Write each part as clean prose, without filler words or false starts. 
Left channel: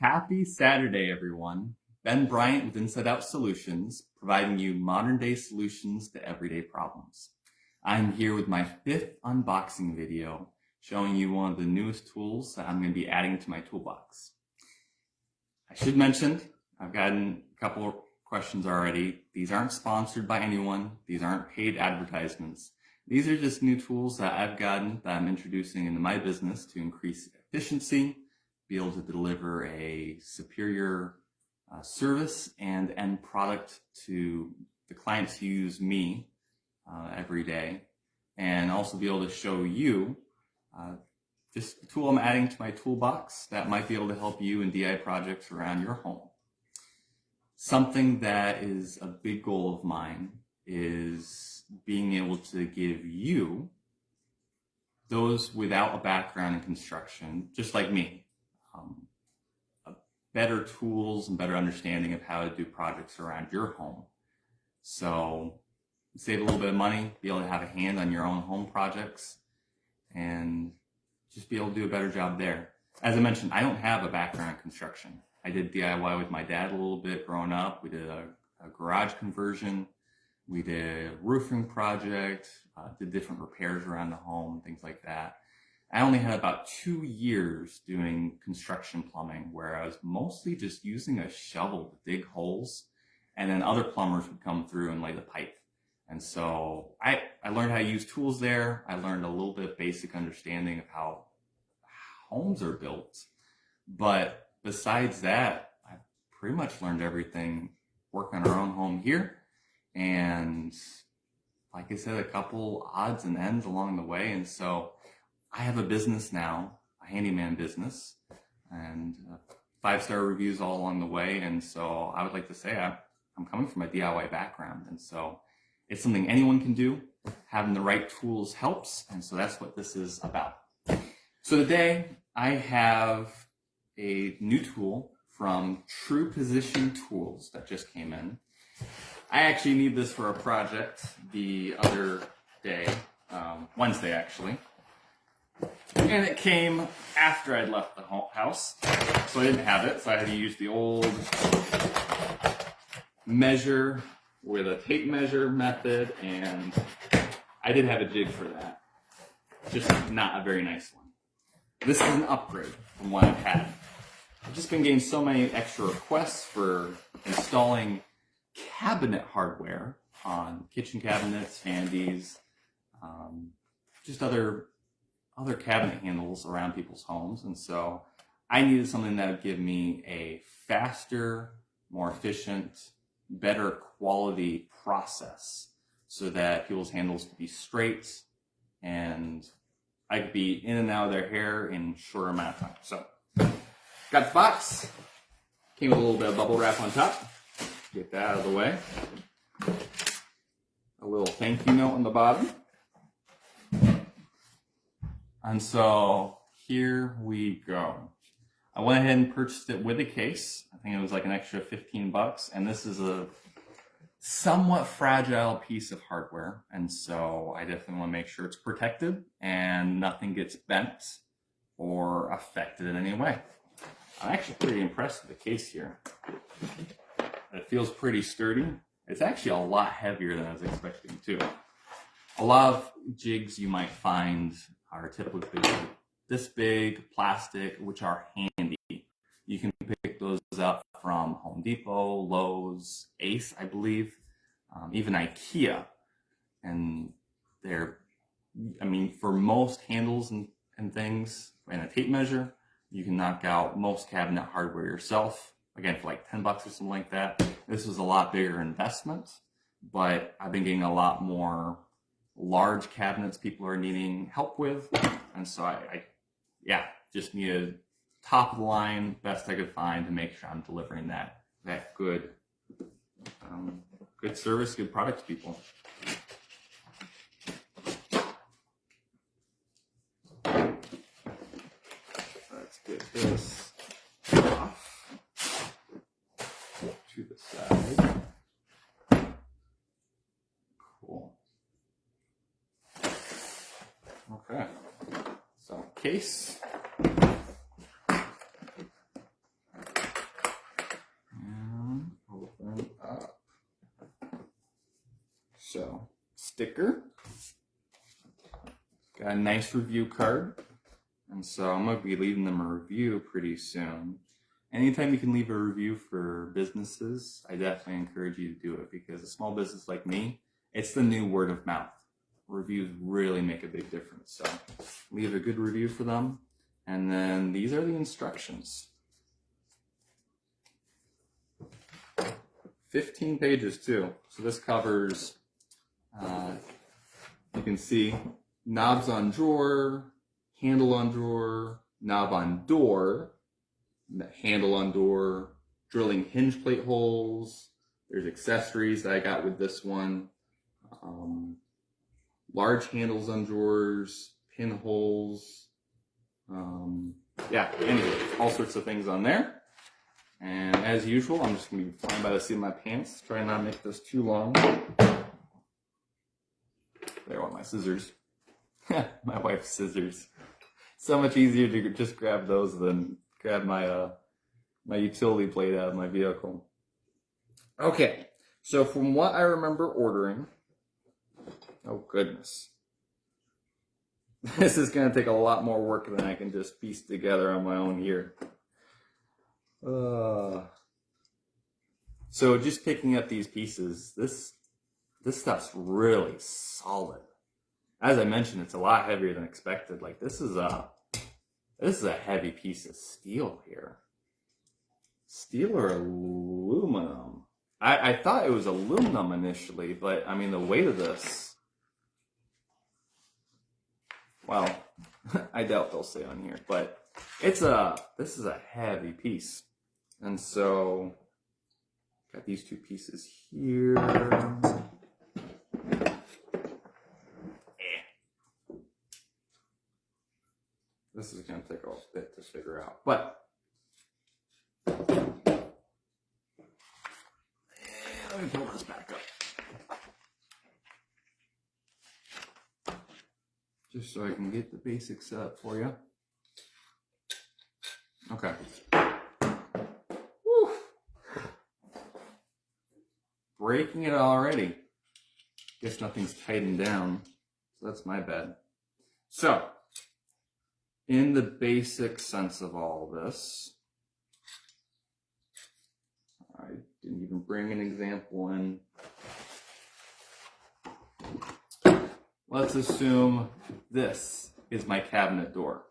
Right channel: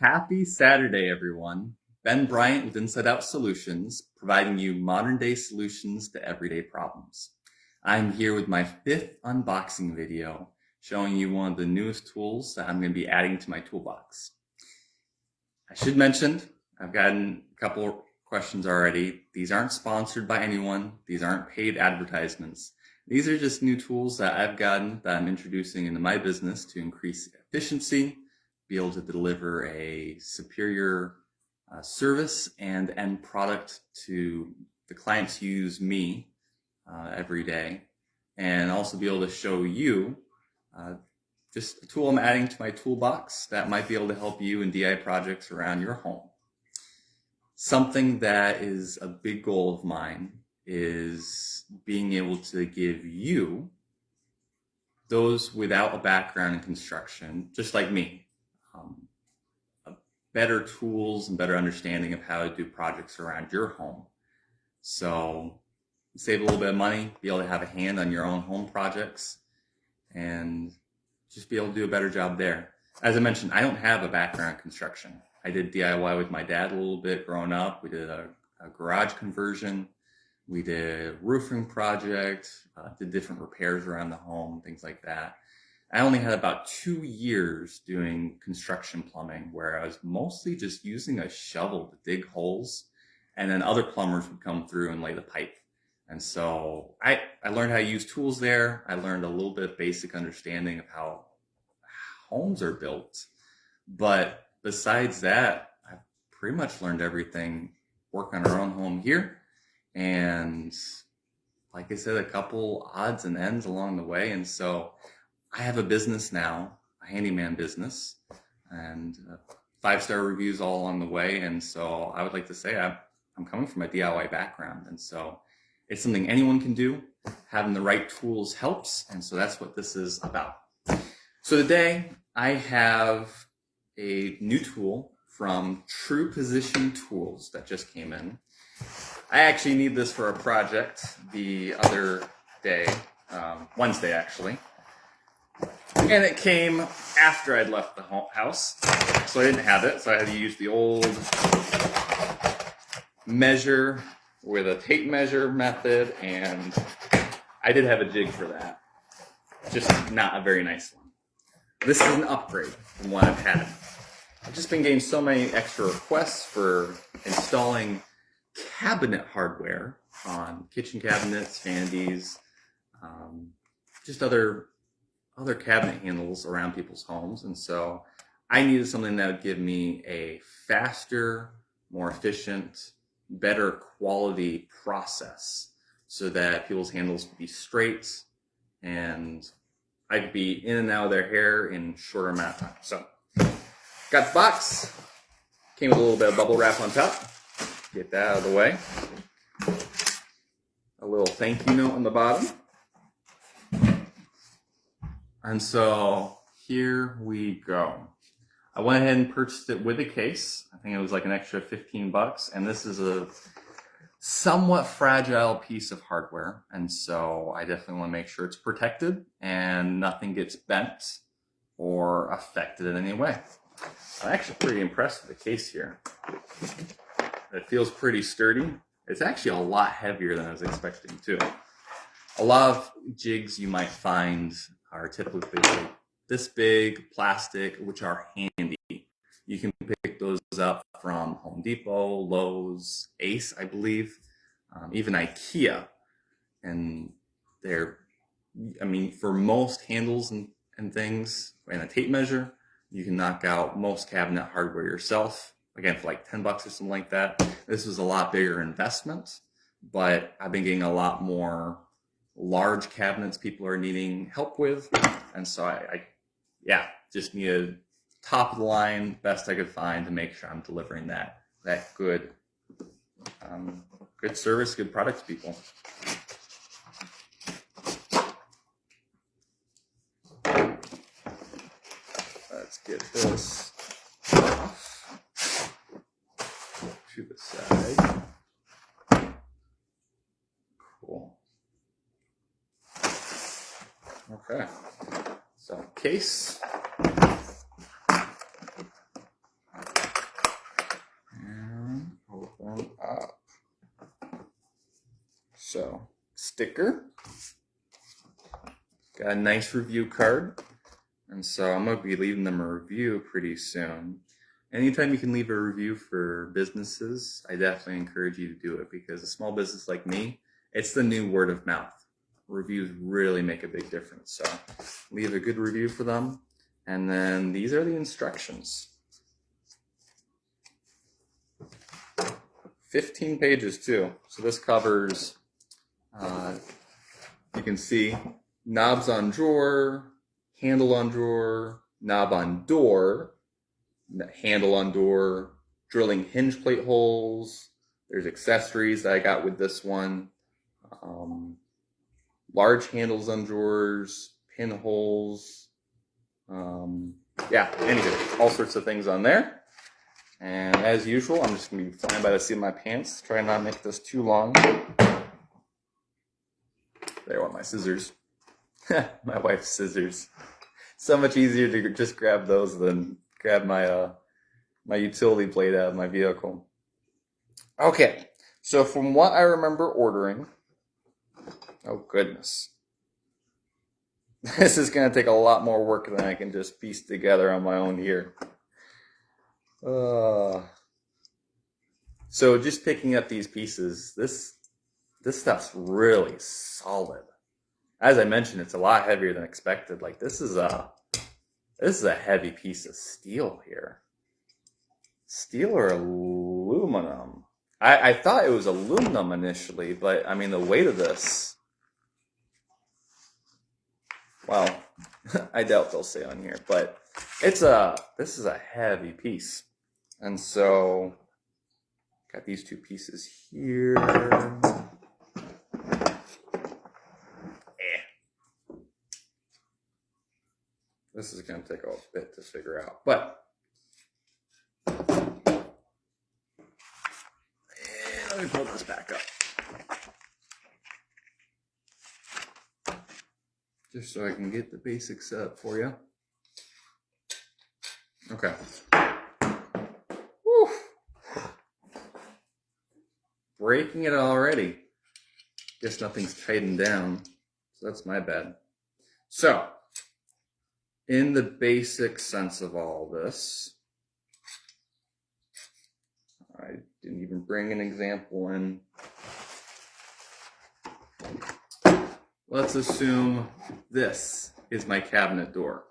Happy Saturday, everyone. Ben Bryant with Inside Out Solutions, providing you modern day solutions to everyday problems. I'm here with my 5th unboxing video, showing you one of the newest tools that I'm going to be adding to my toolbox. I should mention, I've gotten a couple of questions already. These aren't sponsored by anyone. These aren't paid advertisements. These are just new tools that I've gotten that I'm introducing into my business to increase efficiency, be able to deliver a superior service and end product to the clients who use me every day, and also be able to show you just a tool I'm adding to my toolbox that might be able to help you in DIY projects around your home. Something that is a big goal of mine is being able to give you, those without a background in construction, just like me, better tools and better understanding of how to do projects around your home. So save a little bit of money, be able to have a hand on your own home projects, and just be able to do a better job there. As I mentioned, I don't have a background in construction. I did DIY with my dad a little bit growing up. We did a garage conversion. We did a roofing project, did different repairs around the home, things like that. I only had about 2 years doing construction plumbing, where I was mostly just using a shovel to dig holes, and then other plumbers would come through and lay the pipe. And so I learned how to use tools there. I learned a little bit of basic understanding of how homes are built. But besides that, I've pretty much learned everything working on our own home here. And like I said, a couple odds and ends along the way. And so I have a business now, a handyman business, and 5-star reviews all along the way. And so I would like to say I'm coming from a DIY background. And so it's something anyone can do. Having the right tools helps. And so that's what this is about. So today I have a new tool from True Position Tools that just came in. I actually need this for a project the other day, Wednesday actually. And it came after I'd left the house, so I didn't have it. So I had to use the old measure with a tape measure method, and I did have a jig for that. Just not a very nice one. This is an upgrade from what I've had. I've just been getting so many extra requests for installing cabinet hardware on kitchen cabinets, handies, just other cabinet handles around people's homes. And so I needed something that would give me a faster, more efficient, better quality process so that people's handles would be straight and I could be in and out of their hair in a shorter amount of time. So got the box, came with a little bit of bubble wrap on top. Get that out of the way. A little thank you note on the bottom. And so here we go. I went ahead and purchased it with a case. I think it was like an extra 15 bucks. And this is a somewhat fragile piece of hardware. And so I definitely want to make sure it's protected and nothing gets bent or affected in any way. I'm actually pretty impressed with the case here. It feels pretty sturdy. It's actually a lot heavier than I was expecting too. A lot of jigs you might find are typically this big, plastic, which are handy. You can pick those up from Home Depot, Lowe's, Ace, I believe, even IKEA. And they're, for most handles and things and a tape measure, you can knock out most cabinet hardware yourself. Again, for like 10 bucks or something like that. This is a lot bigger investment, but I've been getting a lot more large cabinets people are needing help with. And so I just needed top of the line, best I could find to make sure I'm delivering that good service, good product to people. Let's get this off to the side. Cool. Okay. So case. sticker. Got a nice review card. And so I'm going to be leaving them a review pretty soon. Anytime you can leave a review for businesses, I definitely encourage you to do it, because a small business like me, it's the new word of mouth. Reviews really make a big difference. So leave a good review for them. And then these are the instructions. 15 pages too. So this covers, you can see, knobs on drawer, handle on drawer, knob on door, handle on door, drilling hinge plate holes. There's accessories that I got with this one. Large handles on drawers, pinholes. Yeah, anyway, all sorts of things on there. And as usual, I'm just going to be flying by the seat of my pants. Try not to make this too long. There are my scissors. My wife's scissors. So much easier to just grab those than grab my my utility plate out of my vehicle. Okay, so from what I remember ordering, oh goodness, this is going to take a lot more work than I can just piece together on my own here. So just picking up these pieces, this stuff's really solid. As I mentioned, it's a lot heavier than expected. Like this is a heavy piece of steel here. Steel or aluminum? I thought it was aluminum initially, but I mean the weight of this. Well, I doubt they'll say on here, but this is a heavy piece. And so got these two pieces here. This is going to take a bit to figure out, but let me pull this back up. Just so I can get the basics set up for you. Okay. Woo. Breaking it already. Guess nothing's tightened down, so that's my bad. So, in the basic sense of all this, I didn't even bring an example in. Let's assume this is my cabinet door.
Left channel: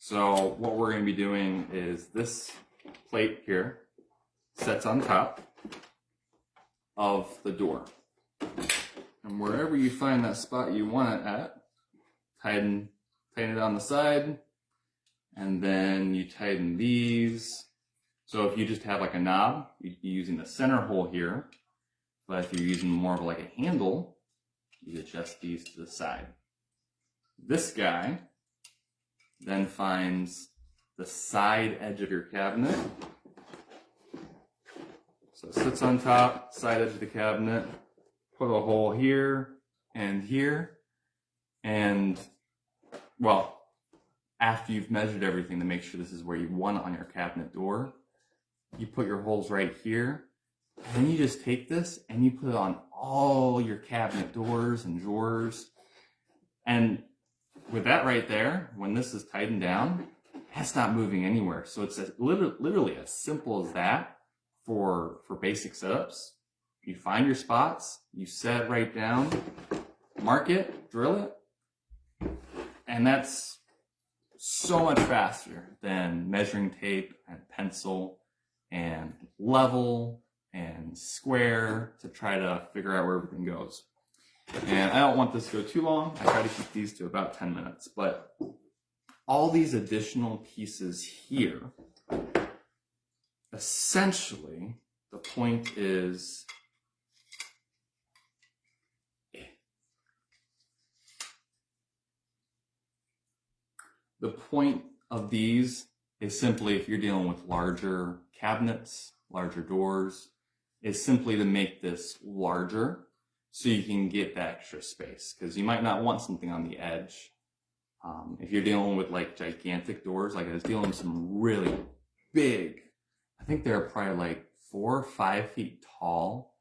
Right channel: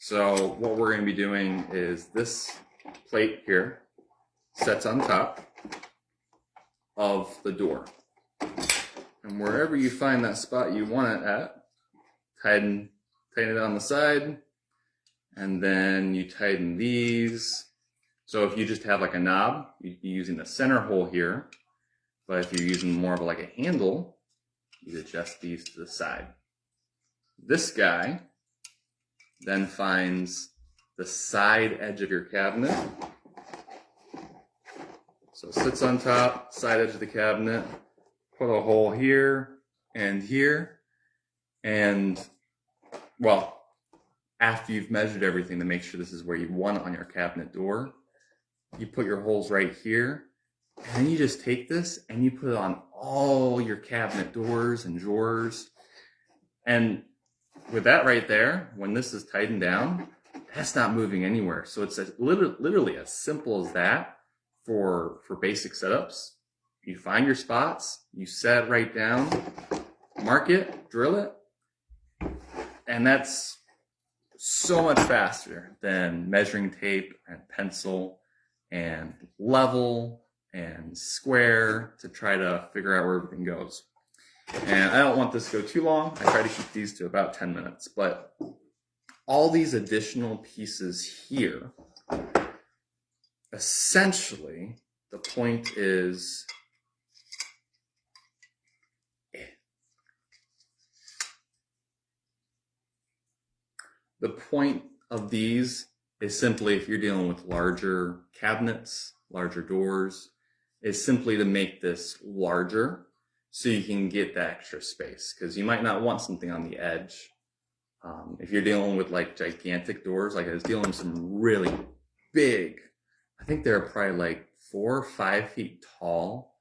So what we're going to be doing is this plate here sets on top of the door. And wherever you find that spot you want it at, tighten it on the side, and then you tighten these. So if you just have like a knob, you'd be using the center hole here. But if you're using more of like a handle, you adjust these to the side. This guy then finds the side edge of your cabinet. So it sits on top, side edge of the cabinet, put a hole here, and well, after you've measured everything to make sure this is where you want it on your cabinet door, you put your holes right here, and then you just take this and you put it on all your cabinet doors and drawers. And with that right there, when this is tightened down, that's not moving anywhere. So it's literally as simple as that for basic setups. You find your spots, you set it right down, mark it, drill it, and that's so much faster than measuring tape and pencil and level and square to try to figure out where everything goes. And I don't want this to go too long. I try to keep these to about 10 minutes. But all these additional pieces here, essentially, the point is the point of these is simply, if you're dealing with larger cabinets, larger doors, is simply to make this larger so you can get that extra space, because you might not want something on the edge. If you're dealing with like gigantic doors, like I was dealing with some really big, I think they're probably like 4 or 5 feet tall.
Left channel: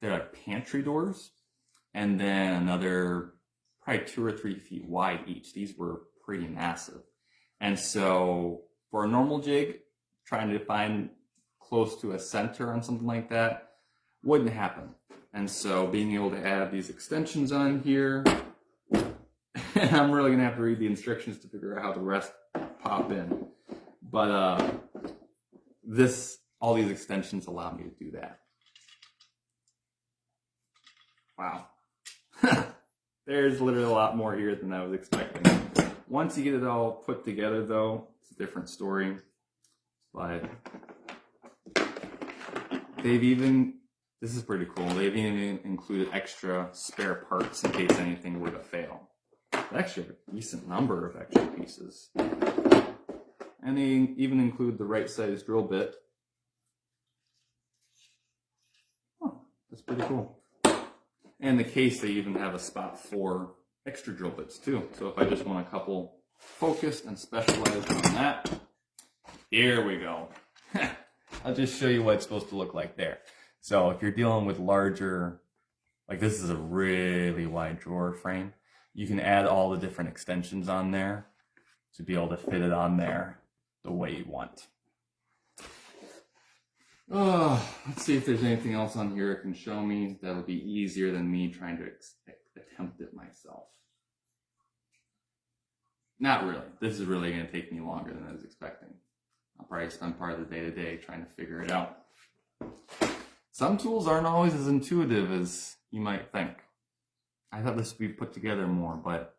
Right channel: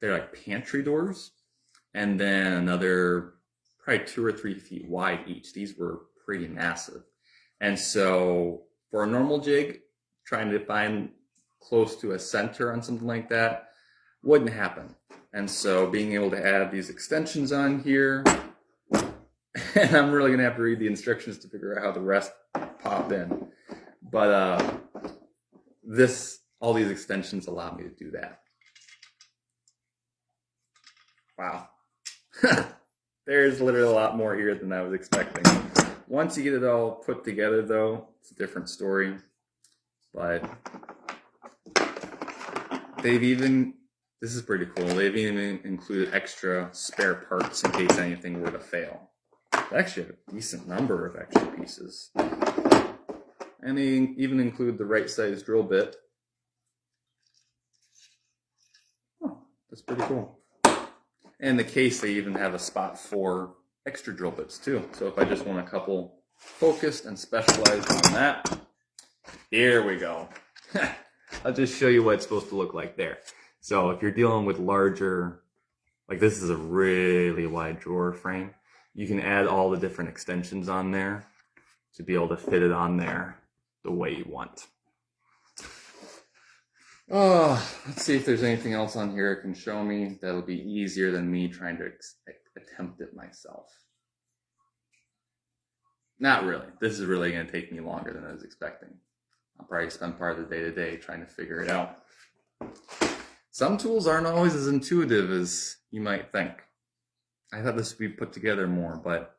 They're like pantry doors. and then another probably 2 or 3 feet wide each. These were pretty massive. And so for a normal jig, trying to find close to a center on something like that wouldn't happen. And so being able to add these extensions on here, and I'm really gonna have to read the instructions to figure out how the rest pop in. But all these extensions allow me to do that. Wow. There's literally a lot more here than I was expecting. Once you get it all put together though, it's a different story. But this is pretty cool, they've even included extra spare parts in case anything were to fail. They actually have a decent number of extra pieces. And they even include the right size drill bit. Oh, that's pretty cool. And in the case, they even have a spot for extra drill bits too. So if I just want a couple focused and specialized on that, here we go. I'll just show you what it's supposed to look like there. So if you're dealing with larger, like this is a really wide drawer frame, you can add all the different extensions on there to be able to fit it on there the way you want. Oh, let's see if there's anything else on here it can show me that'll be easier than me trying to attempt it myself. Not really. This is really going to take me longer than I was expecting. I'll probably spend part of the day today trying to figure it out. Some tools aren't always as intuitive as you might think. I thought this would be put together more, but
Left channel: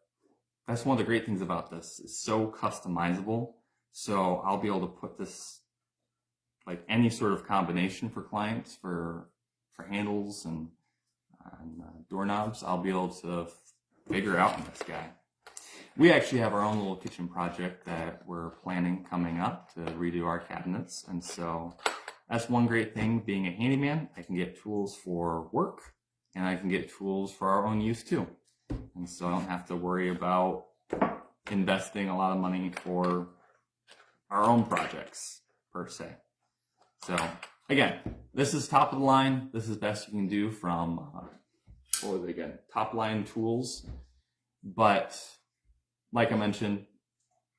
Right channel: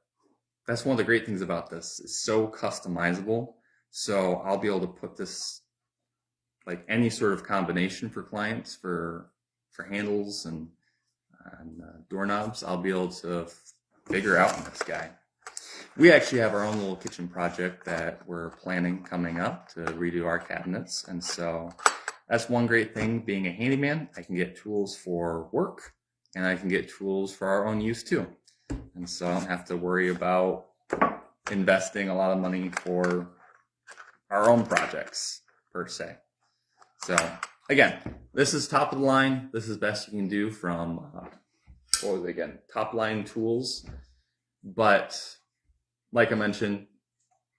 that's one of the great things about this. It's so customizable. So I'll be able to put this like any sort of combination for clients for handles and doorknobs. I'll be able to figure out in this guy. We actually have our own little kitchen project that we're planning coming up to redo our cabinets. And so that's one great thing being a handyman. I can get tools for work and I can get tools for our own use too. And so I don't have to worry about investing a lot of money for our own projects per se. So again, this is top of the line. This is best you can do from, what was it again? Top line tools. But like I mentioned,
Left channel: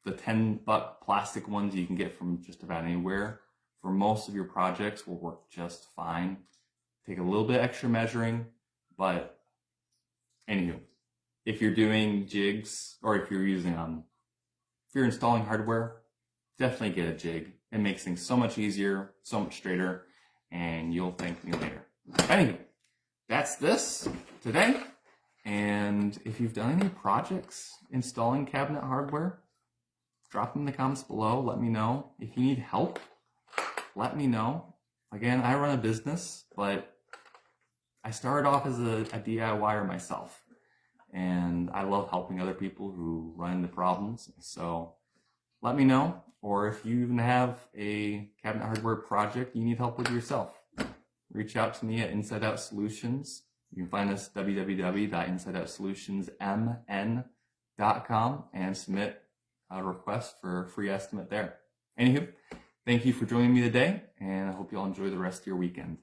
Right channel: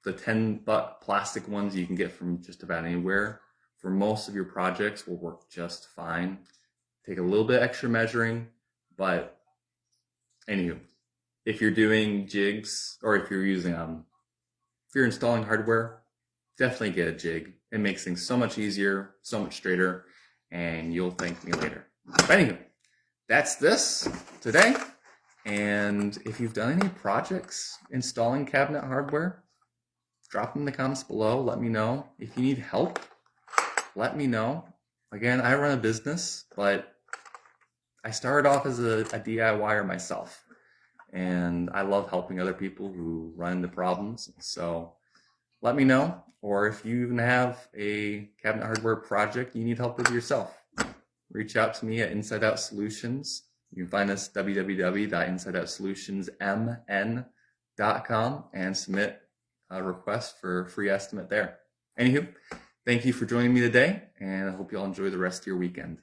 the $10 plastic ones you can get from just about anywhere for most of your projects will work just fine. Take a little bit extra measuring, but anywho, if you're doing jigs or if you're using if you're installing hardware, definitely get a jig. It makes things so much easier, so much straighter, and you'll thank me later. But anyway, that's this today. And if you've done any projects installing cabinet hardware, drop them in the comments below. Let me know. If you need help, let me know. Again, I run a business, but I started off as a DIYer myself. And I love helping other people who run into problems. So let me know. Or if you even have a cabinet hardware project you need help with yourself, reach out to me at Inside Out Solutions. You can find us www.insideoutsolutions.mn.com and submit a request for a free estimate there. Anywho, thank you for joining me today, and I hope you all enjoy the rest of your weekend.